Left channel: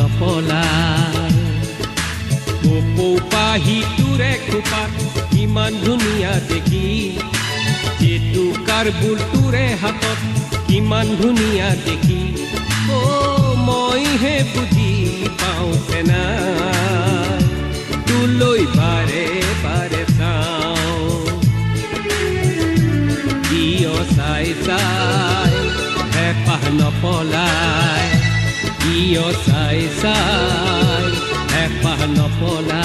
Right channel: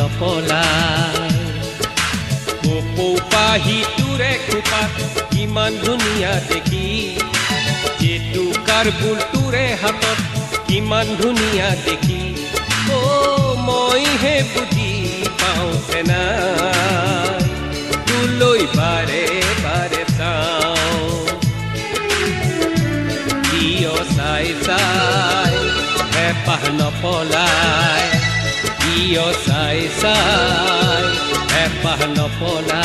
নপলাই পৌপাহিটোৰে খোপাত ইমান ধুনীয়া দেখি জেতুকাৰ বুলটোৰে হাতত ইমান ধুনীয়া দেখি মইহে বুজি পাওঁ নাই তোলৈ বাৰে বাৰে চাওঁ কিয় চাই চাই হেঁপাহ নপলাই কিয় চাই চাই হেঁপাহ নপলাই